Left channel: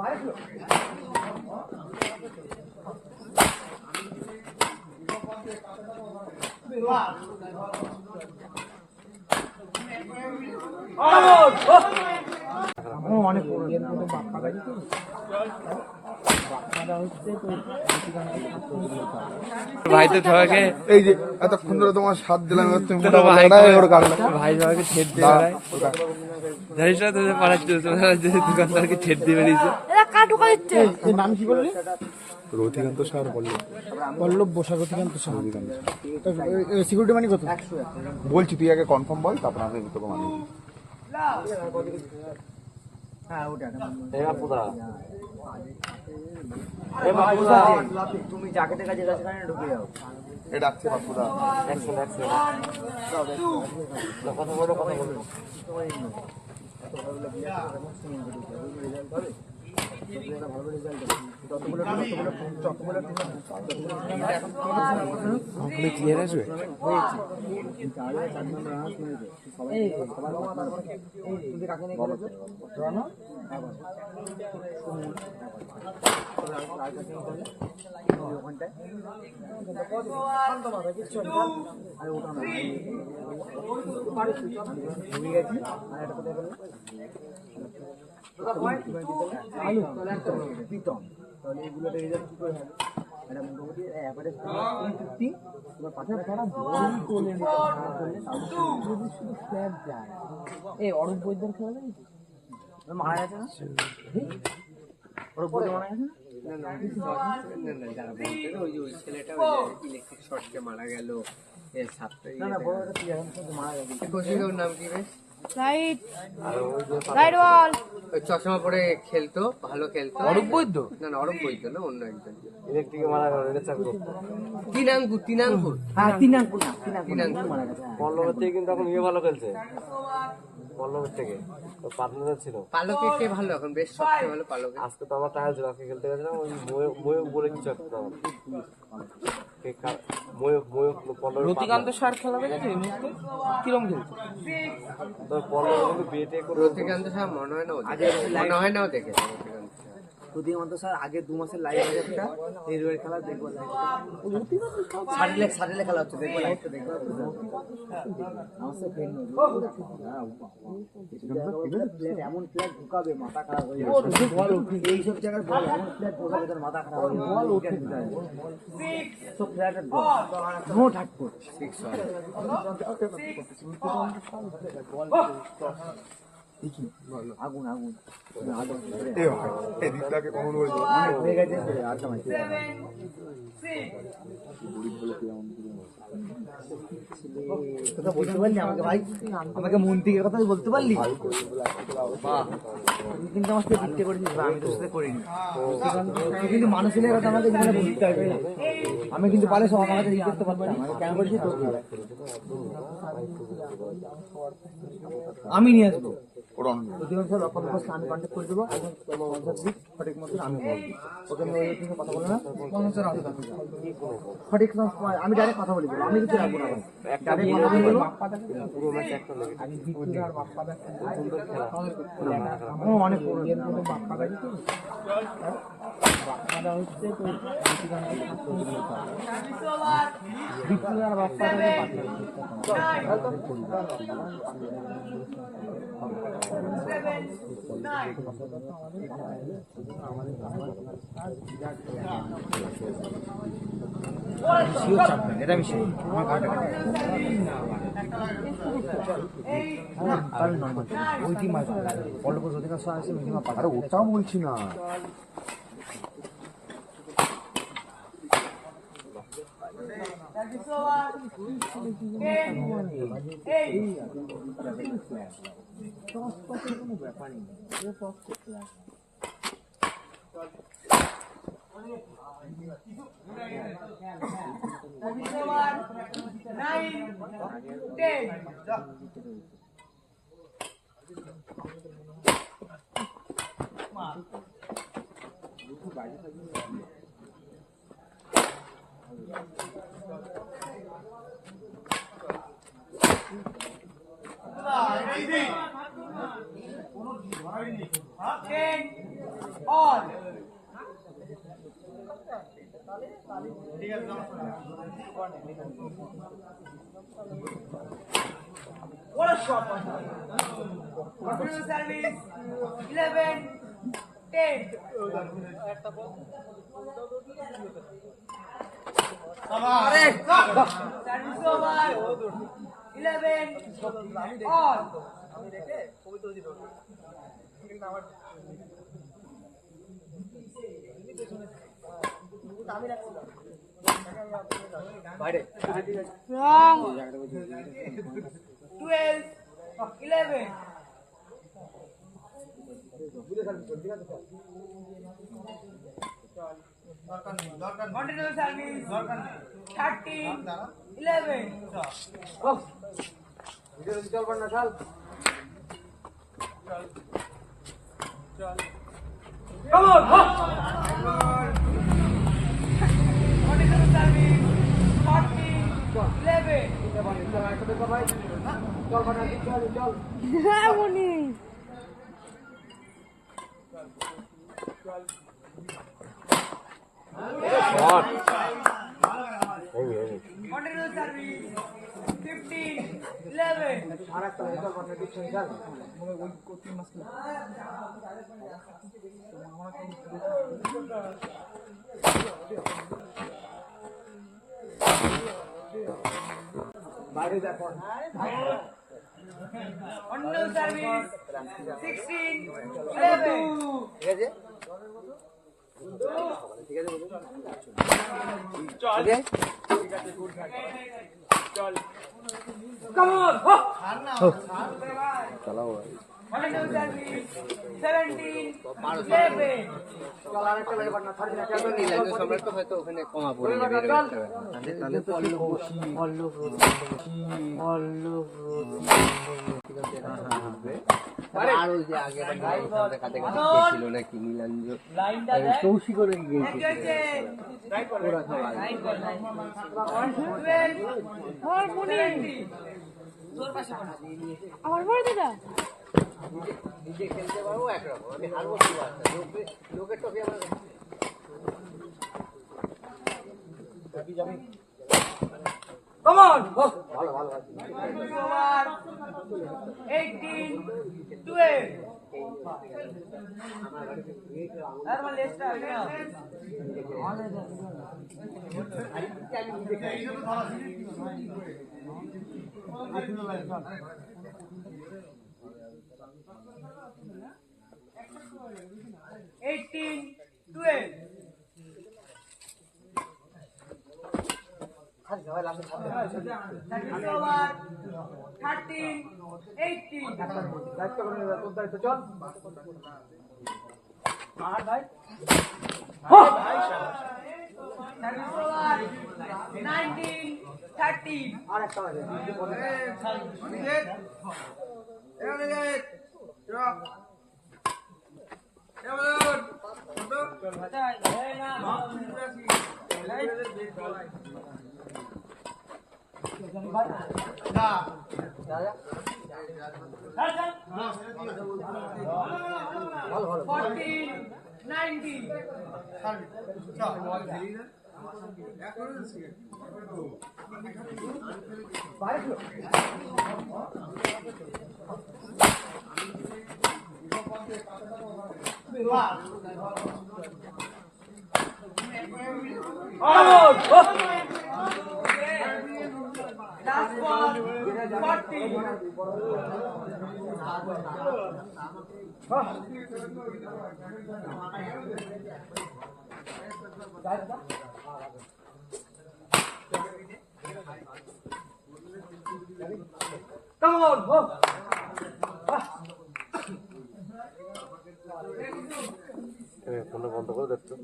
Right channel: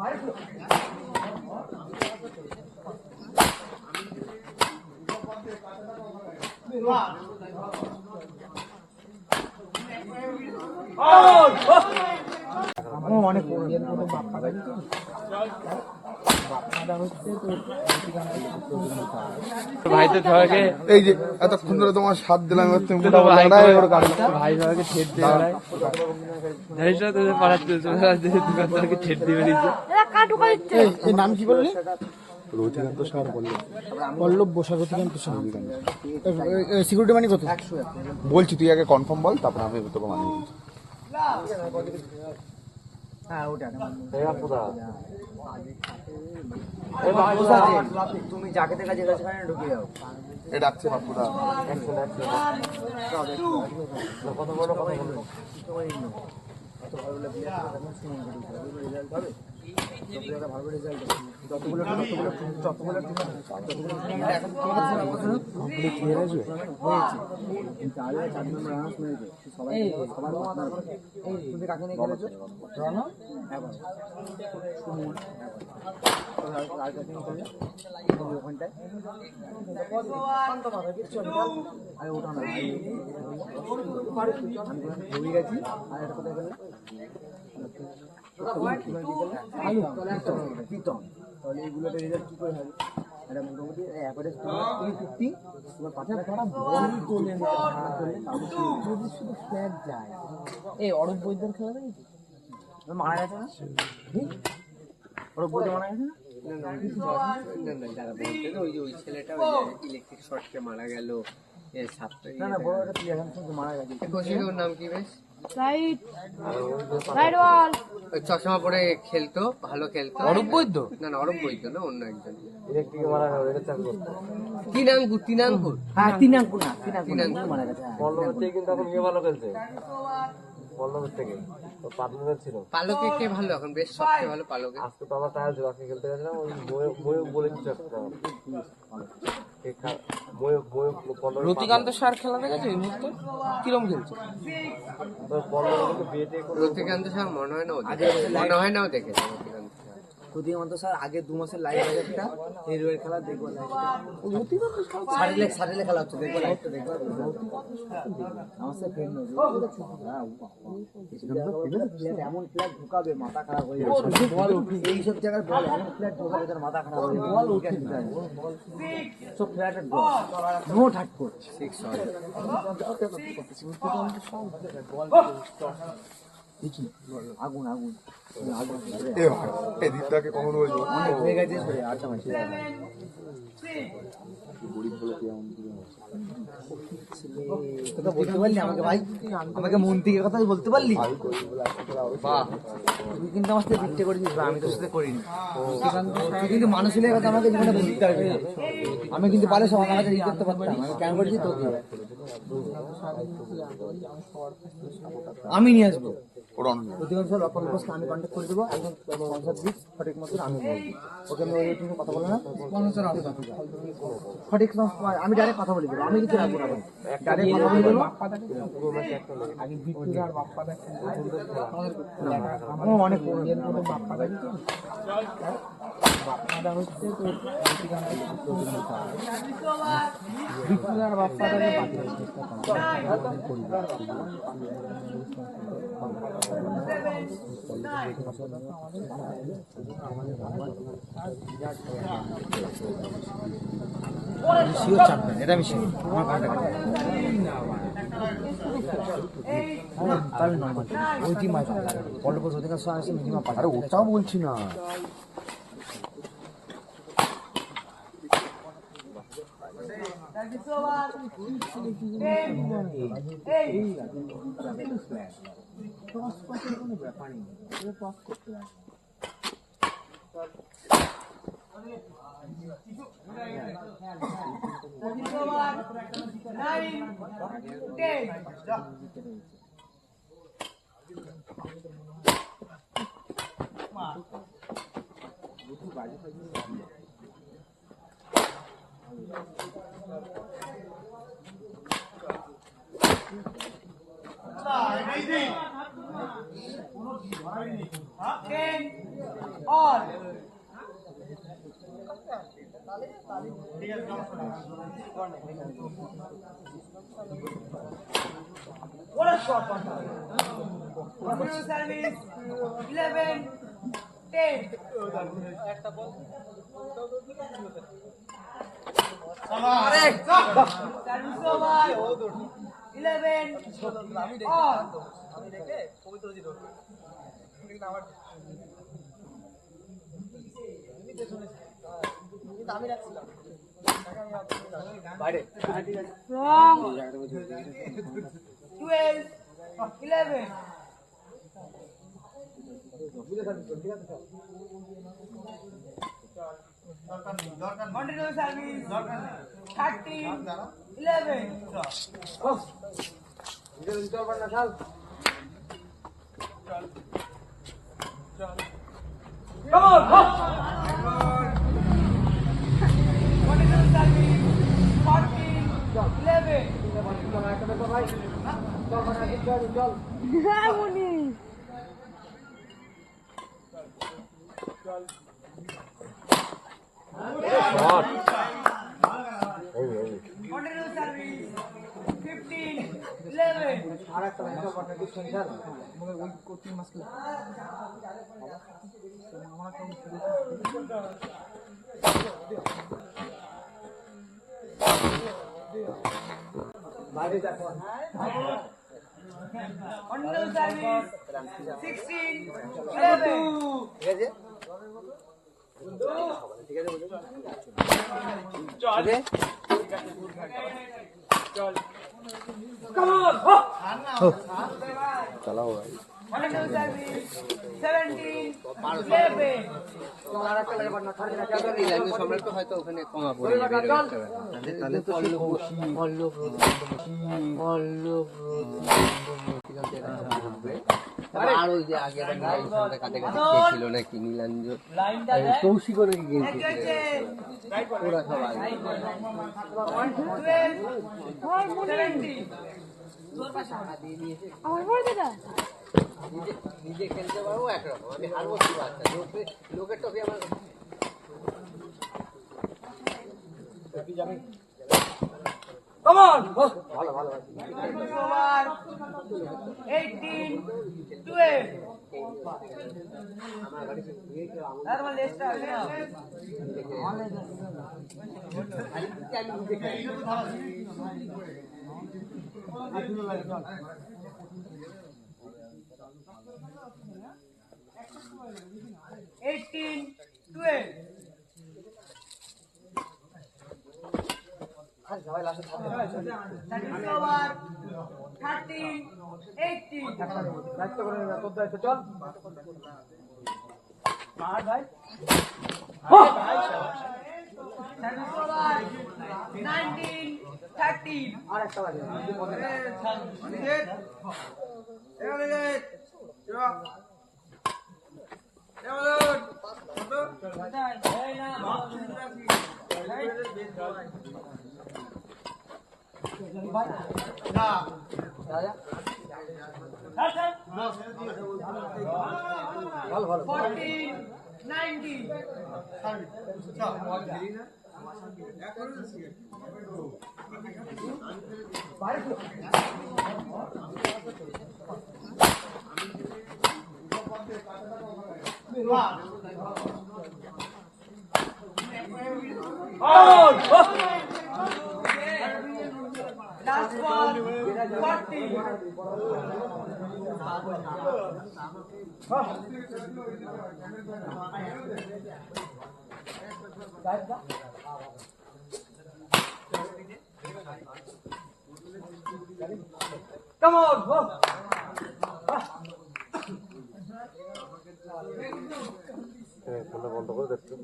অনেক ভাই তো সবাইকে এই যে এতক্ষণ ধরে তোমার সাথ দিলাম ভাই সবাইকে ছেদ দিয়ে দোকানদারকে ছেদ দিয়ে বেরিয়েছে। নাম কি বললি? রথিকান্ত স্যার পল্লব বসা রথিকান্ত স্যার। সিকিউরিটি মানি কত বলছি, তুই আগে কনফার্ম বল, তারপর আমি তোকে মানি। তুমি যাকে দেখা যেখানে ঢুকে যাও। এটা ডাকছে বাপুদা। ক্লিয়ার আসবে। তাহলে এইগুলোতে রেজাল্ট কি করে হবে? এটা মোটামুটি অ্যাভারেজ 350 তোমার পাশে একটা বড় তোলে যদি শুধু ফ্ল্যাট যায়। এই অরূপ বৈদ্যর খেলা দেখেছিস? মারা গেছে না? অরূপ বৈদ্য মারা গেছে না? ওই যে ওই ছেলেটা ইলেকট্রিক শর্টকে মারা গেল। এর সাথে না বড় একটা প্লেয়ার মারা গেছে। কোচিংয়ের নাম কি বেশ? চশমা পরে খেলতো, ভালো খেলতো। অরূপ বৈদ্য? না অরূপ বৈদ্য না, অন্য একজন। ইলেকট্রিকে মারা গেল, এটা চাকরি। তিনাঙ্কুর। হ্যাঁ তিনাঙ্কুর মারা গেছে। পল্লবের থেকে কিন্তু এখন ভালো খেলছে। পল্লবের থেকে তো পাতলুদা ছিল। পালকে কে ভালো এখন? বেশ সবচেয়ে ভালো পালকে। আজকে তো আমার টায়ার ছিল, আজকে খেলতে গেছিলাম ওই ময়ূক বলে কিছু একটা। রতিকান্ত স্যার খেলা দেখেছে এই মুহূর্তে কিরম খেলছে? রতিকান্ত স্যার মনে হয় না দেখেছে। রতিকান্ত স্যার আগে 2 মাসের লাইভ একটা নির্ভের খেলা দেখবো। সারিলে খেলা হচ্ছে দেখবো, লাইভটা দেখবো। আমার সাথে ফ্রেন্ড এমন প্লেয়ার ঢুকাবে মাথা খারাপ হয়ে যাবে। এইসব জায়গায় বল এমন প্লেয়ার ঢুকাবে তার মাথা খারাপ হয়ে যাবে। বল উঠে সব প্লেয়ারের নো ঠাট করে 6 হয়। আগুন এদিকটাকে কখন বলবো হয়ে গেছে 8টা ম্যাচ। কথা বলতে পারলি আমাকে ভাই? আমাকে মন থেকে কথা বলতে পারলি? তুই কিন্তু আমার সাথে বিট্টে করেছিস, আমি তোর সাথে করিনি। তুই কিন্তু মানুষের কথা আমাকে জীবনে বলতে হবে। আমি কিন্তু পারে সব আমাকে ই করতে পারতাম, কেন করেছি তোকে? আমি নিয়ে আসবো। আমি কন্ট্যাক্ট করে দেবো। সঠিক মতো আমি বলবো, ওকে কথা বলে না সঠিক। আমি ডাইরেক্ট কথা বলে দেবো, আমি কিছু রাখবো না। অনেক বাপ্পাদা হচ্ছে তো এটা আমি ওটাও বলছি না। 10 all. What a shot! Continue service. 11, 10. Service over. 11 all. বাইরে 12, 11. Continue service. 13, 11. চল পার না চাল Continue service. 14, 11. চল পার না চল চল Continue service. 15, 11. আর একটা চল পার না চল Continue service. 16, 11. ঠিক আছে ঠিক আছে বুঝো চালাবো Continue service. 17, 11. চল আর একটা লাগে পার না ছাড় না নীলাঞ্জন সম্রাট তো হয়তো ওখানে কমা পড়ে যাবে তাহলে আর ওই যে আগে নীলাঞ্জনের কাছে কাছে ছিল নাকি নীলাঞ্জন লাইনটা কৌশিক করে গিয়েছে ওরা সব 12, 17. আমার বড় দিদা নিজে খেলতে পারবো একরকম আমি হারবো কি আছে লোকের টপি আমার Come on. ভালো ভালো ভালো Over. 18, 12. That's one less time. Eighteen, 12. সবাই লাস্টে Service over. 13, 18. দায়িত্ব করে নেবে তোর দায়িত্ব চল Service over. 19, 30. আর একটা লাগে ভালো ভালো 14, 19. Last one, 40. Come on, বন্ধ করে দেখছো